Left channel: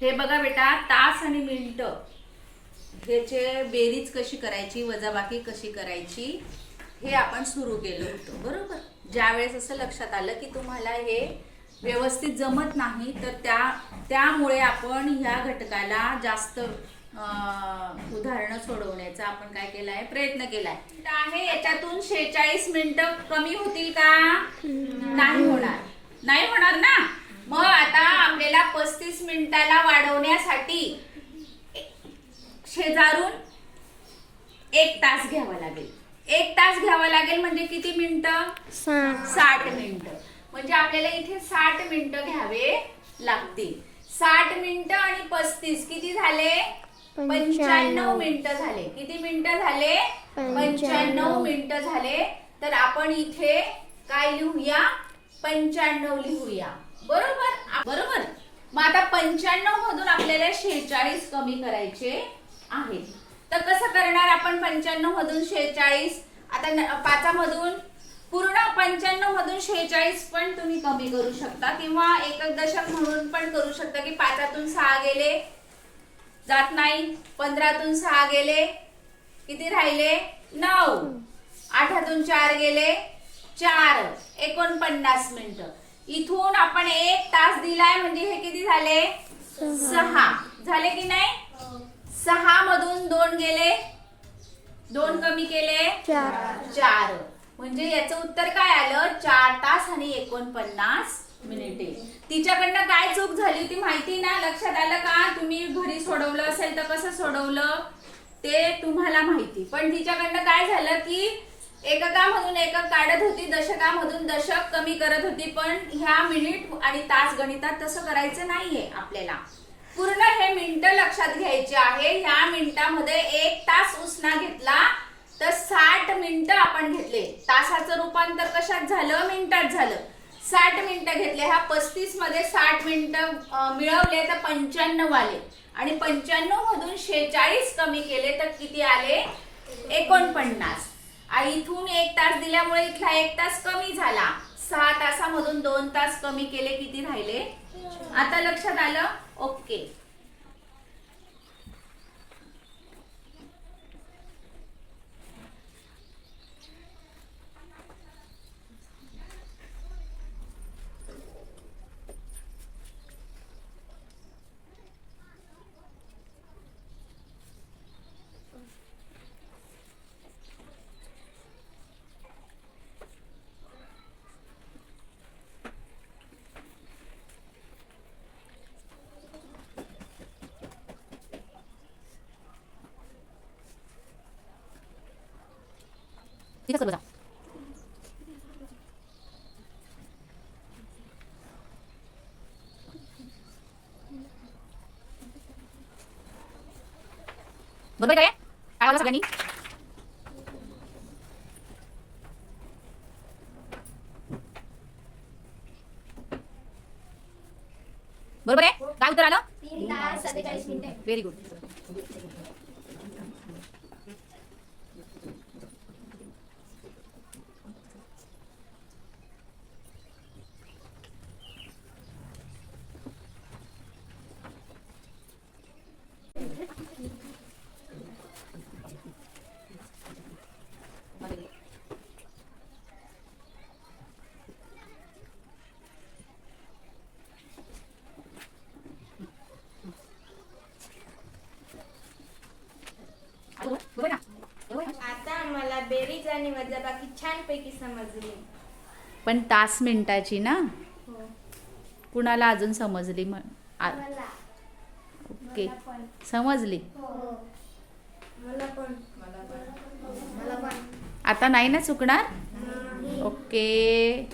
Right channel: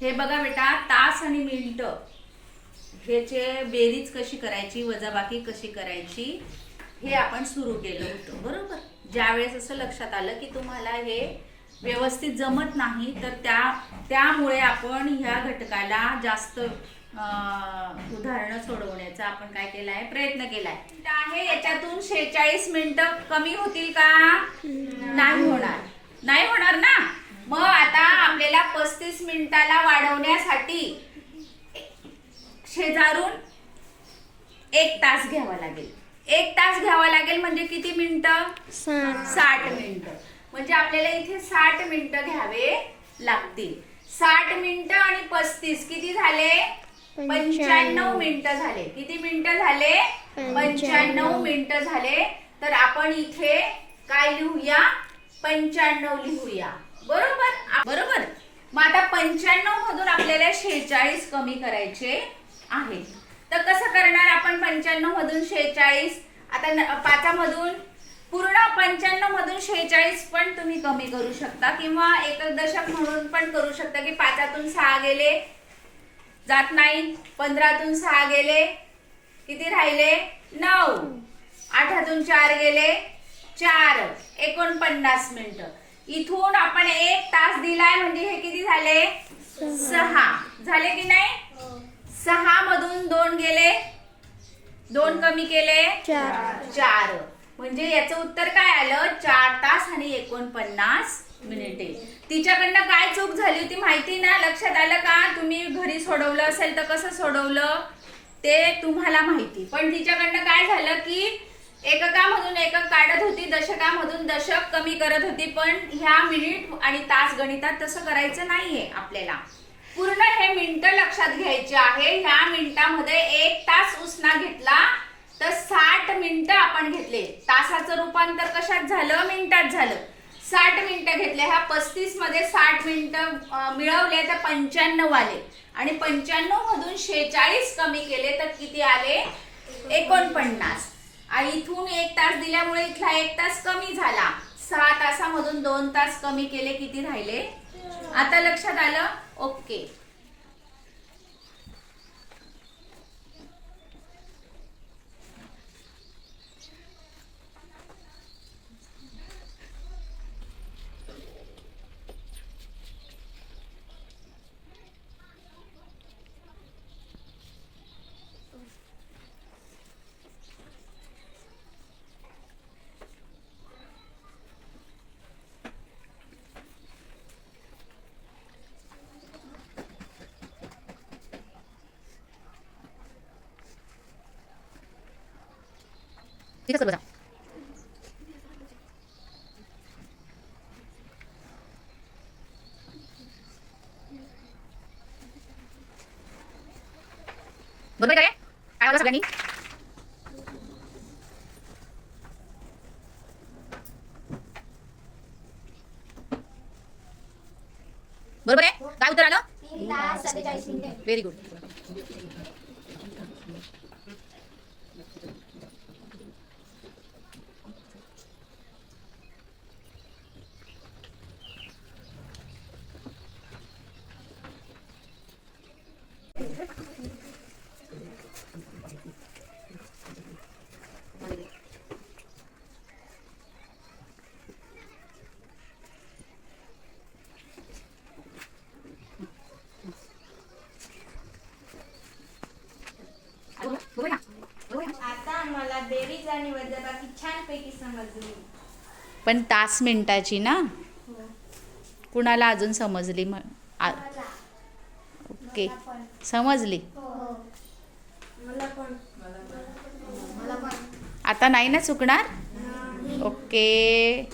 हे बघा बेटा तास आणि मिनिट. ह्याचे बेरीज कशी करायची वजाबाकी कशी करायची हे आपण सुरू केलं होतं बरोबर? ज्यावेळेस असं लक्षात आलं की तुम्हाला हे व्यवस्थित जमत नाही तर त्या त्यामुळे आपण ह्या घटकाला जास्त उदाहरणं सोडवण्याचा आपण काय केलाय प्रयत्न केलाय. आहे याच्यातून शेहेचाळीस मिनिटं कमी होतील का? नाही होणार. नाही होणार ना? मग आता आपल्याला पस्तीस मिनिटाला वाढवण्यासाठी शेजारून एक तास घ्यावा लागेल. एक तास घ्यावा लागेल म्हणजे किती मिनिटं? साठ. मिनिटं. म्हणजे आपल्याला इथे साठ मिनिटं घ्यावे लागतील. साठ मिनिटं आणि पस्तीस किती झाले? पंच्याण्णव मिनिटं झाले. किती मिनिटं झाले? पंच्याण्णव. मिनिटं झाले. तर आपण इथे काय लिहूया? पंच्याण्णव लिहूया. बरोबर? बरोबर. मग आता पंच्याण्णव मधून आपल्याला शेहेचाळीस कमी करायचे आहे तर कसं करणार आपण पंच्याण्णव मधून शेहेचाळीस? आता पाचामधून पूर्ण पंच्याण्णव मधून शेहेचाळीस पण तुम्ही कमी करू शकता किंवा एकक दशक म्हणून पण करू शकता की पाचातून सहा गेले जात नाही. पंधरातून सहा गेले किती राहिले? नऊ. आठातून चार गेले चार. एकोणपन्नास मिनिटं. इथून आपण एक तास दिलाय म्हणजे हे किती झाले? सहा. झाले की नाही? सहा मधून दोन गेले. दोन कमी केले. चार. चार. म्हणजे याचं उत्तर काय आलं? चार तास आणि एकोणपन्नास मिनिटे. तिच्याकडनं काय चूक झाली होती माहिती ना? लक्षात आलं का? तुम्ही घरी सोडवलं असेल तर कसं सोडवलं? ते तुम्हाला माहिती. पण तिच्याकडनं काय झालं की एककामधून एकक काढत होती दशकामधून दशक कमी करत होती पण ह्या मिनिट आणि तास गणितात तसं करायचं नाहीये आपल्याला. पूर्ण हे मिनिटं लक्षात घ्यायचे आहे ह्या मिनिटामध्ये एक तास उसना घेतला तर साठ मिनिटं आपण घेतले. तासाचं रूपांतर कशात झालं? मिनिटात झालं. साठ मिनिटं घेतले. ह्या पस्तीसमध्ये साठ मिनिटं मिळवले तर पंच्याण्णव आले. आणि पंच्याण्णव मधून शेहेचाळीस कमी केले तर किती आले? एकोणपन्नास. इथून एक तास दिल्यामुळे इथला एक तास कमी झाला. सहा तासामधून दोन तास कमी केले किती राहिले? आता लक्षात आलं? ओके. तिथं सर्व जा बरोबर आहे काय आवाज सगळ्यांनी बरोबर आहे काय उत्तर आलं व्हेरी गुड बरोबर ना बरोबर आहे ना? आता मला बेरीज आणि वजाबाकी छानपैकी समजली. पण तास मिनिटाची ना? हो. कुणाला अजून समजली ओके. समजली? हो मला पण. मला पण. आता नाही ना चुकणार? नाही. ओके.